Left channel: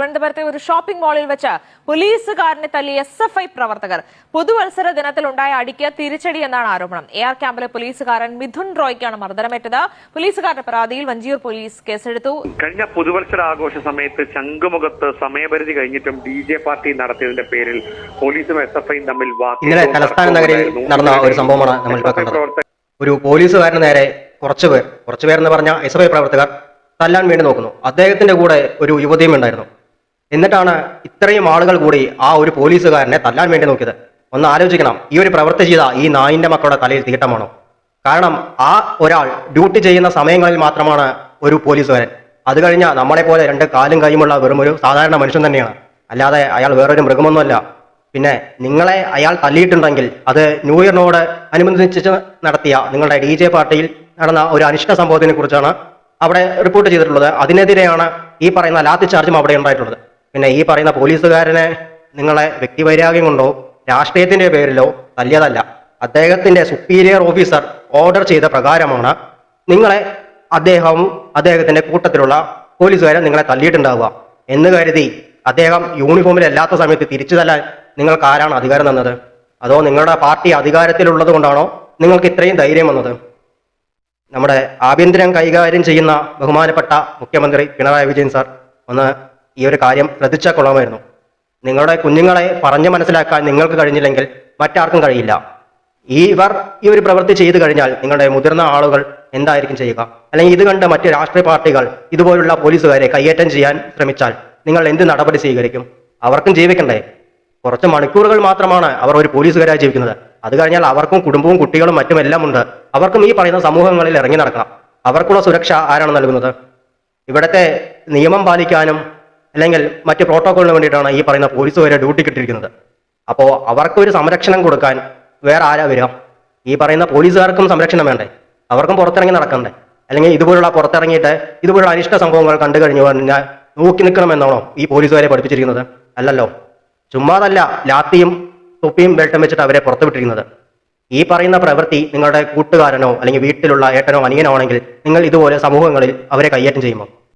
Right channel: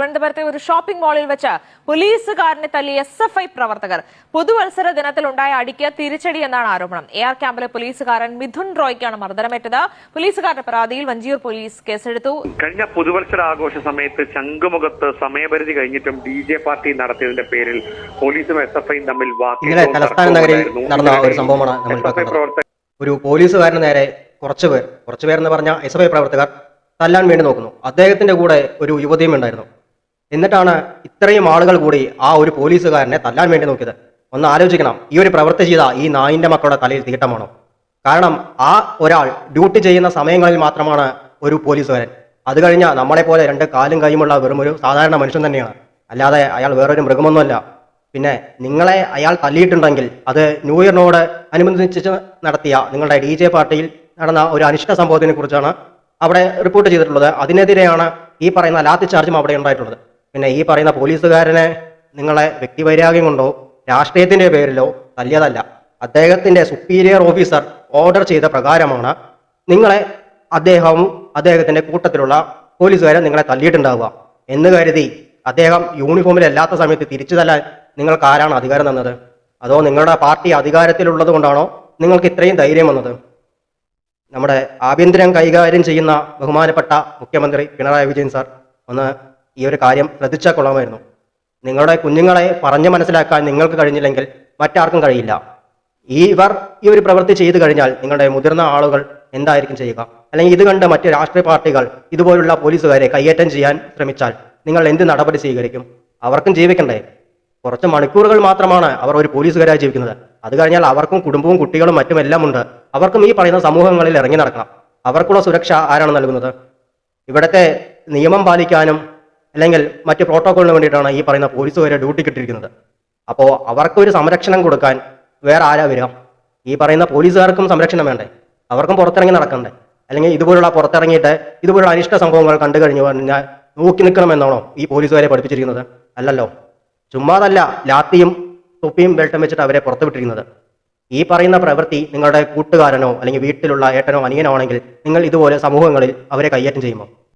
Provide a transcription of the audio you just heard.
തിരുവനന്തപുരത്തെ ഒരു ഷോപ്പിംഗ് മാളിൽ വെച്ച് പോലീസുകാരനെ തല്ലിയ SFI പ്രവർത്തകർ. പുതുവത്സര ദിനത്തിലുണ്ടായ അടിക്ക് തിരിച്ചടി എന്നാണ് ആരോപണം. AR ക്യാമ്പിലെ പോലീസുകാരൻ മിഥുൻ റോയ്ക്കാണ് മർദ്ദനമേറ്റത്. പോലീസുകാരുടെ പരാതിയിൽ വഞ്ചിയൂർ പോലീസ് കേസെടുത്തു. കഴിഞ്ഞ പുതുവത്സര ആഘോഷ സമയത്ത് ശംഖുമുഖത്ത് സമയപരിധി കഴിഞ്ഞിട്ടും DJ പാർട്ടി നടത്തിയതിന്റെ പേരിൽ പോലീസും SFIയും തമ്മിൽ വാക്കേറ്റവും തർക്കവും ഉണ്ടായിരുന്നു. SFI പ്രവർത്തകർ ഒരു പോലീസുകാരന് നേരെ കുറച്ചുപേർ എന്ന് പറഞ്ഞ SFI പ്രവർത്തകർ തല്ലാൻ വേണ്ടി നോക്കുന്നു. അദ്ദേഹത്തിന്റെ കൂടെ ഒരു യുവതിയും ഉണ്ടായിരുന്നു. എന്നിട്ടാണ് ഇത്രയും ആളുകൾ കൂടി ആ ഒരു പോലീസുകാരനെ തല്ലാൻ വേണ്ടി നോക്കിയത്. ഒന്ന് ആലോചിക്കണം, ഈ ഒരു പ്രവൃത്തി ചെയ്ത ഈ നായിന്റെ മക്കളുടെ തലയിൽ തീട്ടമാണോ? കാരണം ആ ഒരാൾ ഡ്യൂട്ടി ചെയ്യുന്ന സമയങ്ങളിൽ മാത്രമാണ് ഒരു പോലീസുകാരൻ. അത് കഴിഞ്ഞാൽ നമ്മളെ പോലെ രണ്ട് കാലും കൈയുമുള്ള വെറും ഒരു സാധാരണ മനുഷ്യൻ തന്നെയാണ്, അല്ലാതെ അയാൾ വേറൊരു മൃഗമൊന്നുമല്ല. പിന്നെ നിങ്ങളെ അയാൾ തല്ലിയിട്ടുണ്ടെങ്കിൽ അത് ന്യൂ ഇയറിനോട് അനുബന്ധിച്ച് നടത്തിയ നിങ്ങളുടെ DJ പാർട്ടിയിൽ നടന്ന ഒരു അനിഷ്ട സംഭവത്തിനെ കുറിച്ചാണ് അവിടെ റിപ്പോർട്ട് ചെയ്തിട്ടുള്ളത്. അതിനെതിരെയാണ് ഈ പറയുന്ന ലാത്തി ചാർജും അവിടെ ഉണ്ടായിട്ടുള്ളത്. പിന്നെ ഈ പറയുന്ന പോലീസുകാരനെ നിങ്ങളെ വ്യക്തിവൈരാഗ്യം കൊണ്ടോ രാഷ്ട്രീയത്തിന്റെ പേരിലോ തല്ലിയതല്ല. അദ്ദേഹത്തിന്റെ സുപ്പീരിയർ ഓഫീസർ ഓർഡർ ചെയ്ത പ്രകാരമാണ് അദ്ദേഹത്തിന്റെ കൂട്ടത്തിലുള്ള പോലീസുകാരെ നിങ്ങളെ തല്ലിയിട്ടുണ്ടാവുക എന്ന് കരുതി അദ്ദേഹം യൂണിഫോമിലല്ലാത്ത സമയത്ത് തിരിച്ചു തല്ലാൻ നിങ്ങൾക്ക് ആരാണ് അധികാരം തന്നത്? അതോ നിങ്ങളുടെ പാർട്ടി അധികാരത്തിലുള്ളത് കൊണ്ടാണോ നിങ്ങൾക്ക് ഇത്രയും ധൈര്യം വന്നത്? നമ്മുടെ ആഭ്യന്തരം കൈകാര്യം ചെയ്യുന്ന ബഹുമാനപ്പെട്ട മുഖ്യമന്ത്രി പിണറായി വിജയൻ സാർ ഒന്ന് ഈ ഒരു കാര്യം ശ്രദ്ധിച്ചാൽ കൊള്ളാമായിരുന്നു. നിങ്ങളുടെ കുഞ്ഞുങ്ങളെ പറഞ്ഞു മനസ്സിലാക്കാൻ നിങ്ങൾക്ക് കഴിഞ്ഞില്ലെങ്കിൽ മറ്റാർക്കും കഴിയില്ല. ഈ ഒരു പ്രവൃത്തി ചെയ്തു കഴിഞ്ഞാൽ നിങ്ങളുടെ മുതിർന്ന ആളുകൾ എന്തായിരിക്കും ചെയ്യുക? അല്ലെങ്കിൽ ഇത് കണ്ട് മറ്റ് രാഷ്ട്രീയ പാർട്ടികൾ ഇതുപോലുള്ള പോലീസുകാരെ കയ്യേറ്റം ചെയ്യാൻ ശ്രമിച്ചാൽ നിങ്ങൾ എന്ത് നടപടി സ്വീകരിക്കും? അവർക്കും ജീവിക്കണ്ടേ? കുറച്ച് മണിക്കൂറുകൾ മാത്രമാണ് അവർ ഒരു പോലീസുകാരായി ജീവിക്കുന്നത്. അത് കഴിഞ്ഞാൽ അവർക്കും കുടുംബവും കുട്ടികളും മറ്റുമെല്ലാം ഉണ്ട്. അവർക്കും ഈ പറയുന്ന സമൂഹങ്ങളിൽ ഇറങ്ങി നടക്കണം. അവർക്കുള്ള സുരക്ഷ ആരാണ് നൽകുന്നത്? ഇവിടുത്തെ നിയമം പാലിക്കാനും അല്ലെങ്കിൽ മറ്റ് പ്രോട്ടോക്കോളിന് വേണ്ടിയിട്ടാണ് ഈ പറയുന്ന പോലീസുകാരെ ഡ്യൂട്ടി കിട്ടിയിരിക്കുന്നത്. അപ്പോൾ അവർക്കൊരു സംരക്ഷണം കൊടുക്കാൻ വേറെ ആരാ വരിക? ഈ പറയുന്ന പോലീസുകാർക്കും സംരക്ഷണം വേണ്ടേ? അവർക്കും പുറത്തിറങ്ങി നടക്കണ്ടേ? അല്ലെങ്കിൽ ഇതുപോലുള്ള പുറത്തിറങ്ങിയിട്ട് ഇതുപോലുള്ള അനിഷ്ട സംഭവങ്ങൾ കണ്ടു കഴിഞ്ഞു കഴിഞ്ഞാൽ നോക്കി നിൽക്കണമെന്നാണോ ഈ പോലീസുകാരെ പഠിപ്പിച്ചിരിക്കുന്നത്? അല്ലല്ലോ. ചുമ്മാതല്ല ലാത്തിയും തൊപ്പിയും ബെൽറ്റും വെച്ചിട്ട് അവരെ പുറത്തുവിട്ടിരിക്കുന്നത്. ഈ പറയുന്ന പ്രവൃത്തി നിങ്ങളുടെ കൂട്ടുകാരനോ അല്ലെങ്കിൽ വീട്ടിലുള്ള ഏട്ടനോ അനിയനോ ആണെങ്കിൽ നിങ്ങൾ ഇതുപോലെ സമൂഹങ്ങളിൽ അവരെ കയ്യേറ്റം ചെയ്യുമോ?